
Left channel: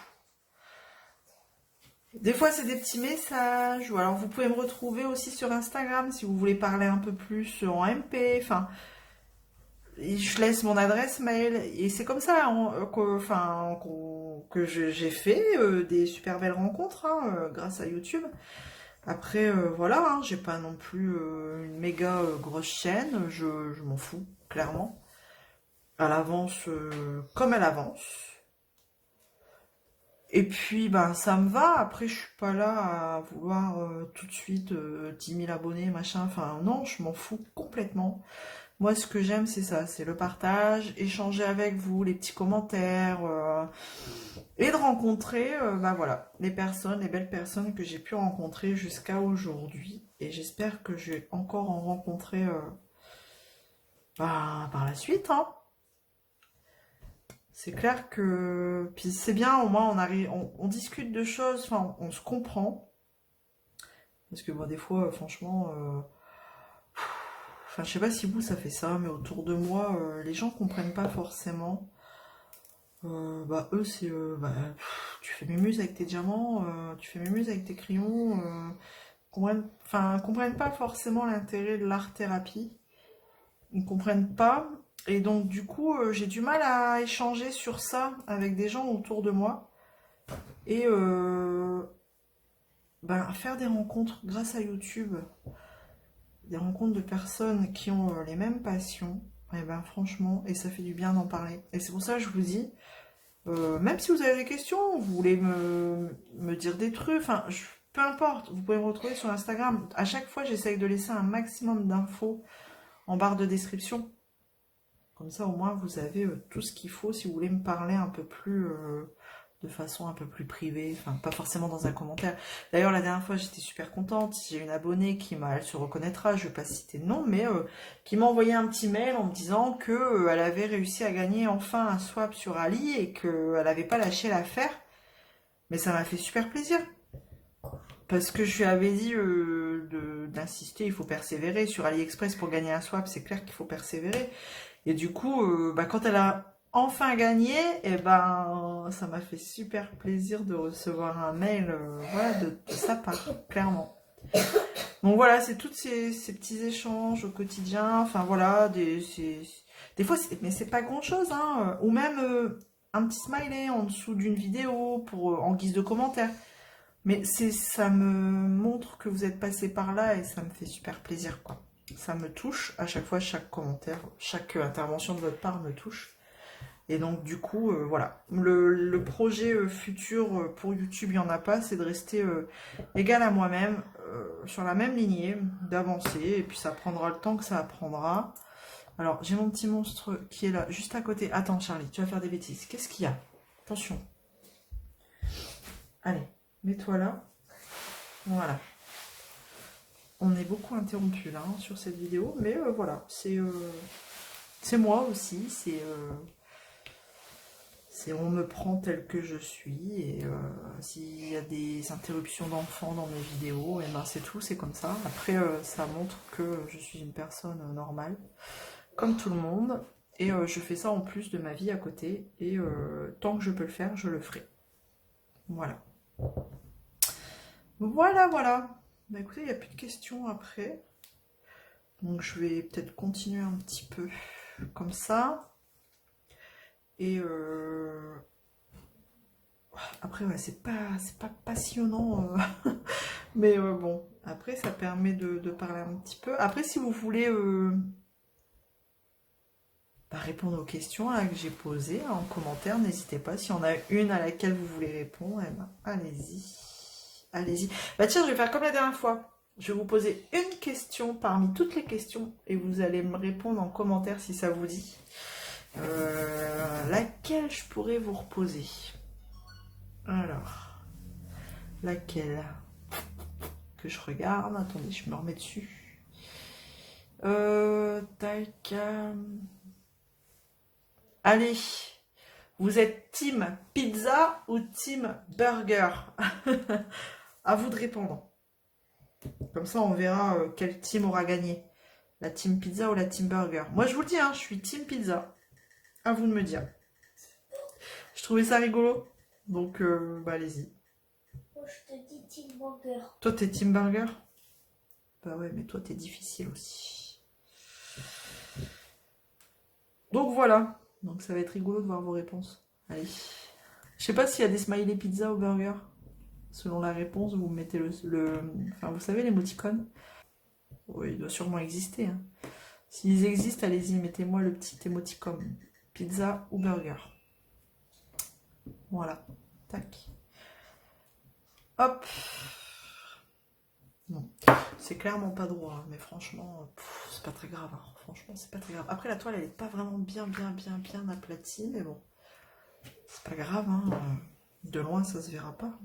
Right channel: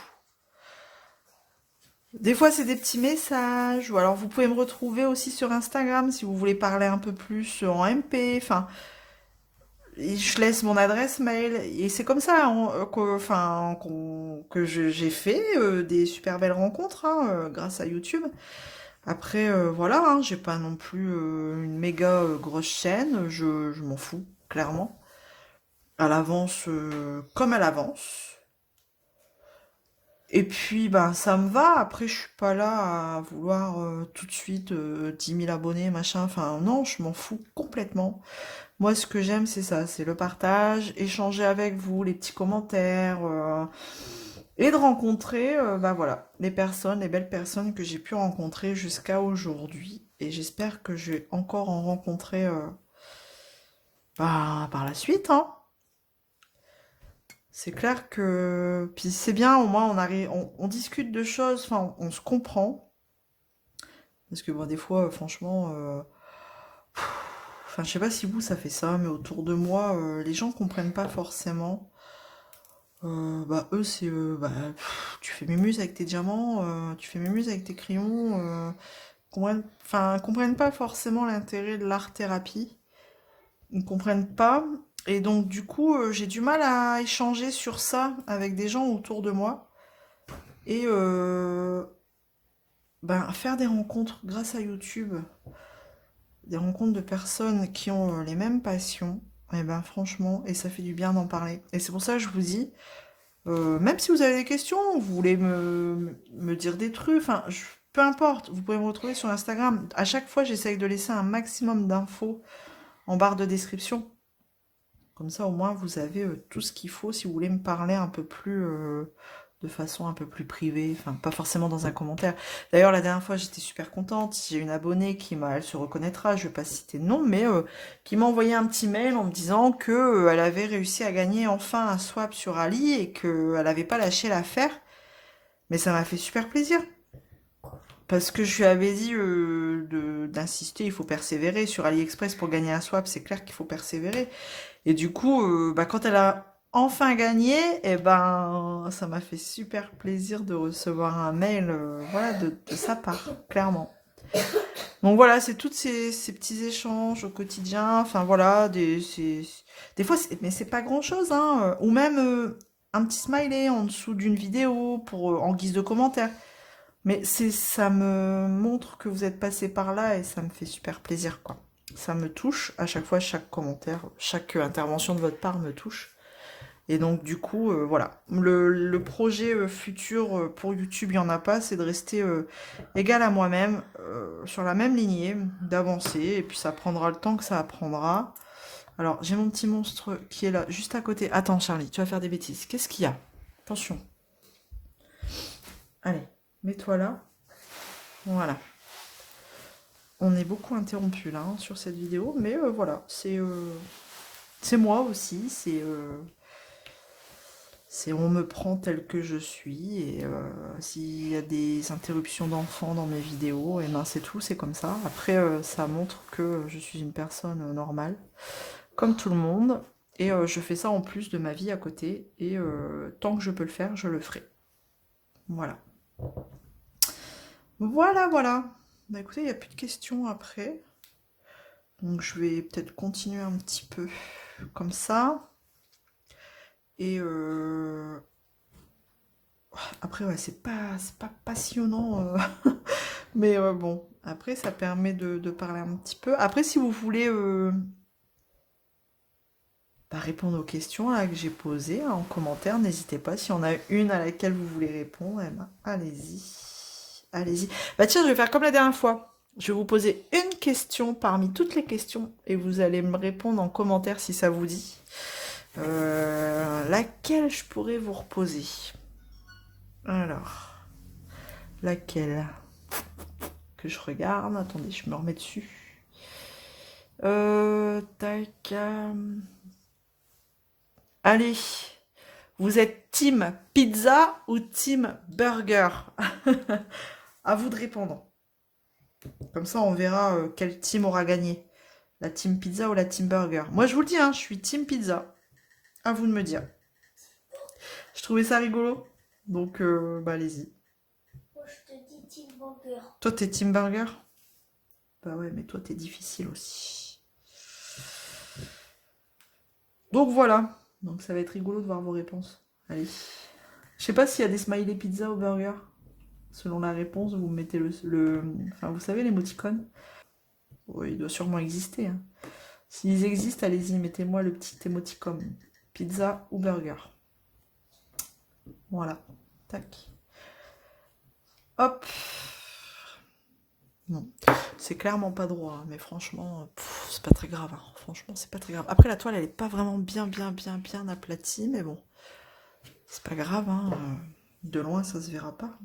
Des fois, c'est des petits messages, ou alors vous pouvez me retrouver aussi sur Instagram si vous voulez parler un peu plus en MP. Enfin, et je laisse mon adresse mail et c'est comme ça que j'ai fait des super belles rencontres hein, grâce à YouTube. Après, voilà, hein, j'ai pas non plus une méga grosse chaîne, je m'en fous, clairement. Elle avance comme elle avance. Et puis, ben, ça me va. Après, je suis pas là à vouloir tout de suite 10 000 abonnés, machin. Enfin, non, je m'en fous complètement. Moi, ce que j'aime, c'est ça, c'est le partage, échanger avec vous, les petits commentaires, et de rencontrer, bah voilà, les belles personnes que j'ai pu rencontrer jusqu'à aujourd'hui. Et j'espère que je vais encore en rencontrer bah, par la suite, hein. C'est clair que, puis c'est bien, au moins on arrive, on discute de choses, enfin, on se comprend. Parce que bon, des fois, franchement, enfin, je sais pas si vous ça fait ça, mais autour de moi, les gens comprennent pas forcément. Bah eux c'est bah, tu fais mémuse avec tes diamants, tu fais mémuse avec tes crayons, comprennent pas forcément l'intérêt de l'art thérapie, ils comprennent pas et donc du coup j'ai du mal à échanger sur ça avec des gens autour de moi et ben, faire des rencontres grâce à YouTube, des rencontres de personnes qui ont les mêmes passions, et ben franchement et ça fait du bien d'en parler et c'est pour ça que je vous dis. Même si vous avez des questions, vous voulez me dire des trucs, peu importe, vous pouvez me retrouver sur Instagram. À chaque fois, j'essaye de laisser un maximum d'infos en barre de description. Comme ça, au moins, vous avez tout ce qu'il faut si vous voulez me parler un peu plus de façon un peu plus privée, enfin pas forcément dans un commentaire. D'ailleurs la dernière fois j'étais super contente, j'ai une abonnée qui m'a, elle se reconnaîtra, je vais pas citer de nom, mais qui m'a envoyé un petit mail en me disant que elle avait réussi à gagner enfin un swap sur Ali et qu'elle n'avait pas lâché l'affaire. Mais ça m'a fait super plaisir. Parce que je lui avais dit d'insister, il faut persévérer. Sur AliExpress, pour gagner un swap, c'est clair qu'il faut persévérer. Et du coup, quand elle a enfin gagné, et ben, ça m'a fait super plaisir de recevoir un mail voilà, de sa part, clairement. Donc voilà, c'est tous ces petits échanges au quotidien. Enfin voilà, des fois, mais c'est pas grand-chose. Hein, ou même un petit smiley en dessous d'une vidéo en guise de commentaire. Mais ça me montre que vous êtes passé par là et ça me fait super plaisir, quoi. Ça me touche à chaque fois, chaque commentaire, chaque intervention de votre part me touche. Et donc, du coup, voilà. Le projet futur pour YouTube, il n'y en a pas, c'est de rester égal à moi-même, sur la même lignée, d'avancer. Et puis, ça prendra le temps que ça prendra. Alors, j'ai mon petit monstre qui est là, juste à côté. Attends, Charlie, tu vas faire des bêtises. Qu'est-ce qu'il y a? Attention. Allez, mets-toi là. Voilà. On est beaucoup interrompu là hein, sur cette vidéo, mais voilà, c'est moi aussi, c'est on me prend tel que je suis et s'il y a des interruptions d'enfants dans mes vidéos, et ben c'est tout, c'est comme ça. Après, ça montre que je suis une personne normale, comme tout le monde, et je fais ça en plus de ma vie à côté, et tant que je peux le faire, je le ferai. Voilà. Voilà, voilà. Bah écoutez, il n'y a plus de questions après. Donc je vais peut-être continuer un petit peu comme ça. Et après, ouais, c'est pas passionnant. Mais bon, après, ça permet de parler un petit peu. Après, si vous voulez répondre aux questions là, que j'ai posées en commentaire, n'hésitez pas. Si on a une à laquelle vous voulez répondre, eh ben, allez-y. Allez-y. Bah tiens, je vais faire comme la dernière fois. Je vais vous poser une question parmi toutes les questions et vous allez me répondre en commentaire si ça vous dit. Laquelle je pourrais vous reposer? Alors, laquelle que je regarde? Attendez, je me remets dessus. Tac. Allez, vous êtes team pizza ou team burger? À vous de répondre. Comme ça, on verra quel team aura gagné. La team pizza ou la team burger. Moi, je vous le dis, hein, je suis team pizza. À vous de me dire. Je trouvais ça rigolo. Donc, bah, allez-y. Moi, je te dis team burger. Toi, t'es team burger? Bah ouais, mais toi, t'es difficile aussi. Donc, voilà. Donc, ça va être rigolo de voir vos réponses. Allez. Je sais pas s'il y a des smiley pizza ou burger. Selon la réponse, vous mettez enfin, vous savez, l'émoticône. Oui, il doit sûrement exister. Hein. S'ils existent, allez-y, mettez-moi le petit émoticône. Pizza ou burger. Voilà. Tac. Hop. Non. C'est clairement pas droit, hein, mais franchement, c'est pas très grave. Hein. Franchement, c'est pas très grave. Après, la toile, elle est pas vraiment bien aplatie, mais bon. C'est pas grave, hein. De loin, ça se verra pas.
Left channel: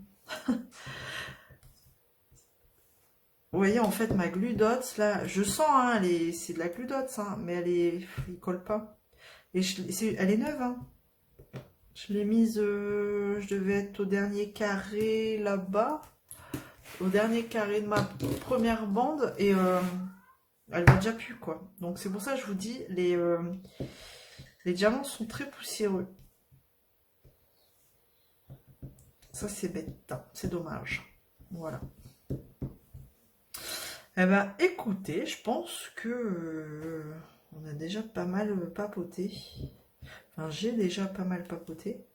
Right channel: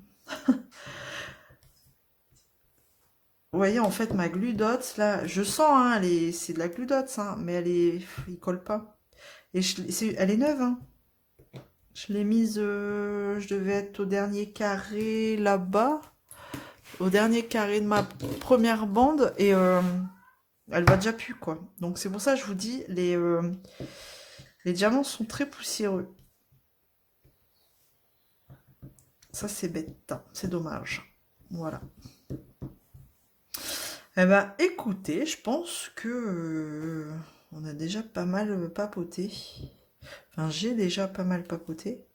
Vous voyez, en fait, ma glue dots, là, je sens, hein, c'est de la glue dots, hein, mais il colle pas. Et elle est neuve, hein. Je l'ai mise, je devais être au dernier carré là-bas, au dernier carré de ma première bande, et elle va déjà plus, quoi. Donc c'est pour ça que je vous dis, les diamants sont très poussiéreux. Ça, c'est bête, c'est dommage. Voilà. Eh ben, écoutez, je pense que on a déjà pas mal papoté. Enfin, j'ai déjà pas mal papoté.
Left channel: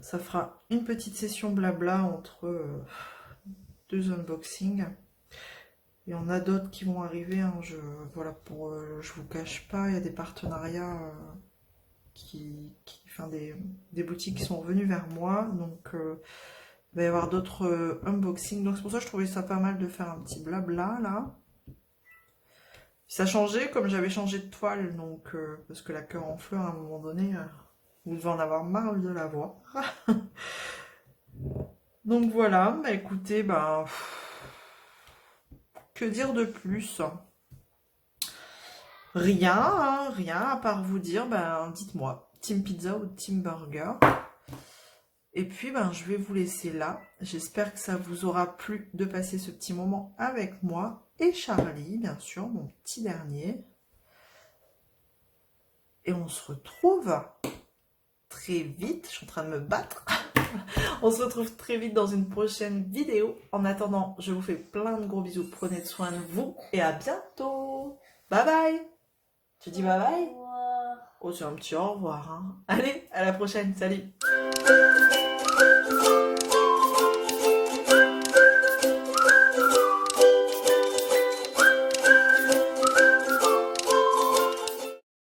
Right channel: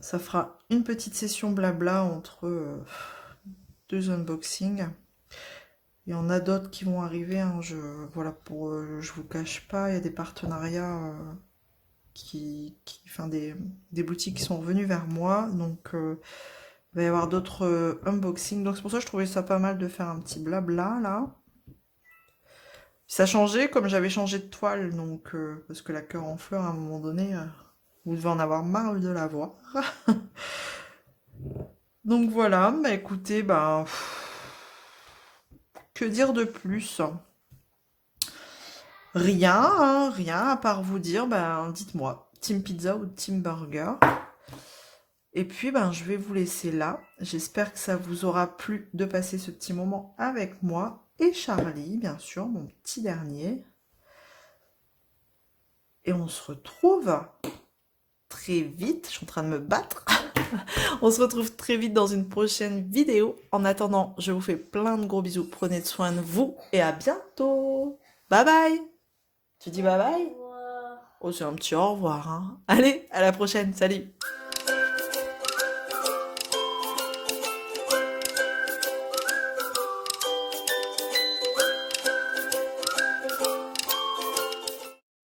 Ça fera une petite session blabla entre deux unboxings. Et on a d'autres qui vont arriver. Hein, voilà, je vous cache pas, il y a des partenariats enfin des boutiques qui sont revenues vers moi. Donc, il va y avoir d'autres unboxings. Donc, c'est pour ça que je trouvais ça pas mal de faire un petit blabla là. Ça changeait comme j'avais changé de toile, donc parce que la cœur en fleurs à un moment donné, Vous devez en avoir marre de la voir. Donc voilà, bah écoutez, bah, que dire de plus? Rien, hein, rien à part vous dire, ben dites-moi, team pizza ou team burger. Et puis ben je vais vous laisser là. J'espère que ça vous aura plu de passer ce petit moment avec moi et Charlie, bien sûr, mon petit dernier. Et on se retrouve très vite. Je suis en train de me battre. On se retrouve très vite dans une prochaine vidéo. En attendant, je vous fais plein de gros bisous. Prenez soin de vous et à bientôt. Bye bye. Tu dis bye bye? Au revoir. Oh, c'est un petit au revoir, hein. Allez, à la prochaine. Salut.